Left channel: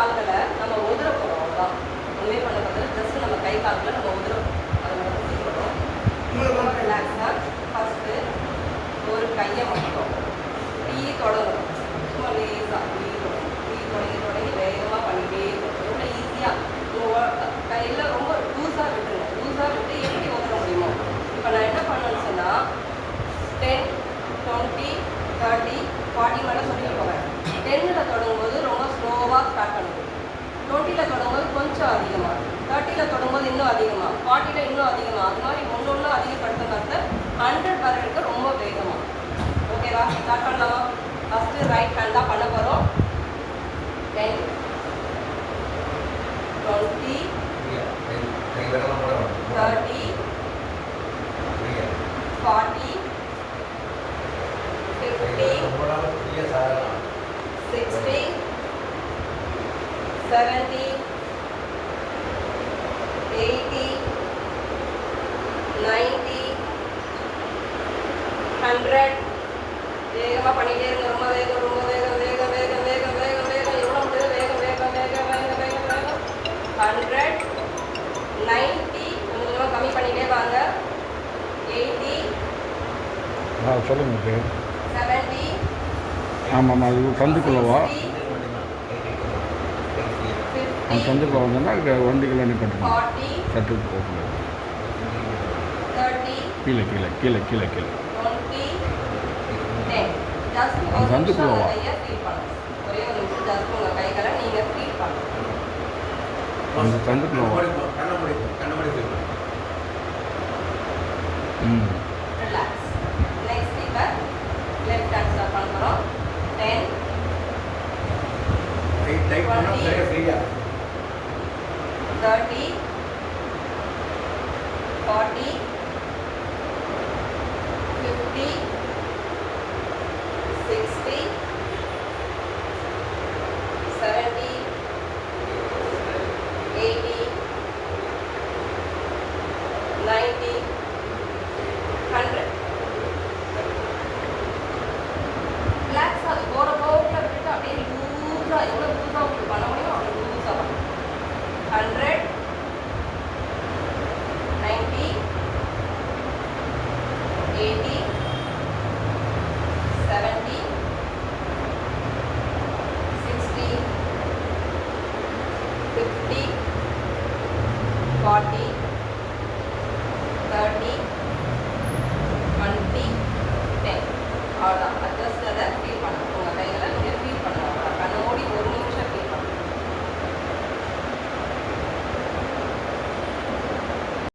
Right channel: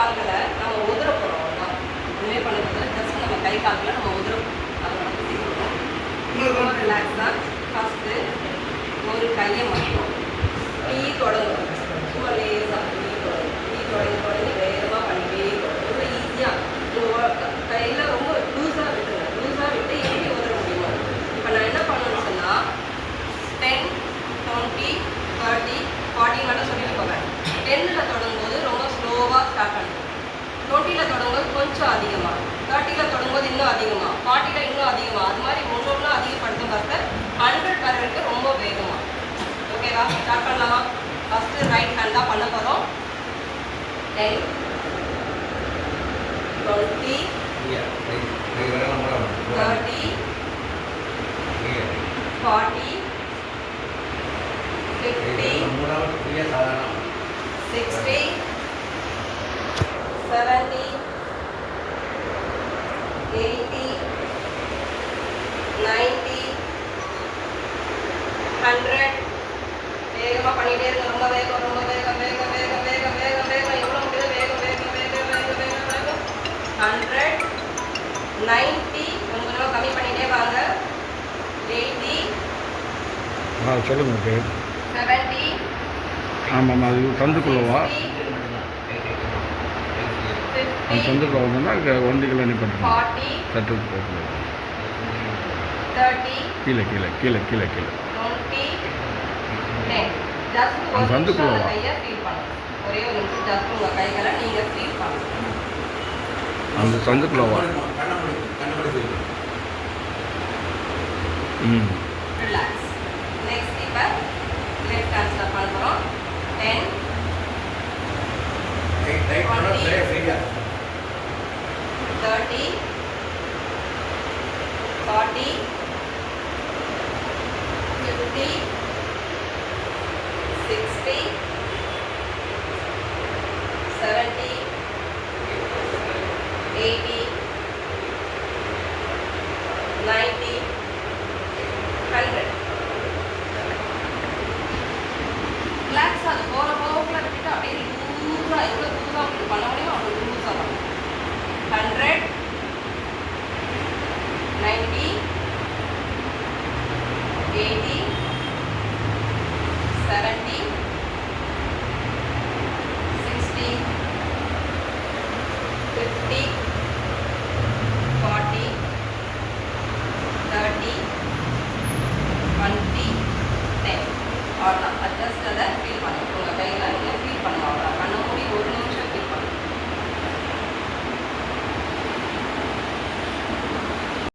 கால்களை நம்ம உதிர போகிறோம் அவ்வளோதான் ஒன்றுமே பண்ண போகிறோம் ஜஸ்ட் நம்ம கை கால்களை நம்ம உதிர அதை மட்டும் செய்யணும் ரிலாக்ஸாக ஃபஸ்ட்டு ஒரு கையை மட்டும் அதிகமாக தேர்ட்டியில் தொடங்கும்போது இன்னும் அதிகமாக ஃபார்ட்டியில் இன்னும் அதிகமாக அது மாதிரி ஒன்று அதிகப்படுத்த பார்க்க ஹண்ட்ரட் வரைக்கும் ரொம்ப வேகமாக ஓகேவா? ஸ்டார்ட் பண்ணலாம். ஃபஸ்ட்டு ரைட் ஹேண்ட் தான் பண்ண போகிறோம் ten twenty thirty forty fifty sixty seventy ஆ சொல்லுங்கள் பேர் செவன்ட்டி ஆமாம் அது சந்துக்குள்ளவா அந்த சந்துக்குள்ள வந்தோன்னா அங்கே வண்டிகளை சட்டுக்கு போகக்கூடாது தேர்ட்டி கீழே கீழே கீழே கீழே கீழே. அந்த சந்துக்குள்ள வா. கையை ஃபீல் பண்ணுங்க ஒரே ஒரு நிமிஷம் ஜஸ்ட் உங்கள் கைகளை நீங்கள் ஃபீல் பண்ணுங்க அந்த சந்துக்குள்ள வா ம் ரிலாக்ஸ் நெக்ஸ்ட் இப்போ லெஃப்ட் ஹேண்ட் ஸ்டார்ட் பண்ண போகிறோம் ten thirty forty fifty sixty seventy eighty ninety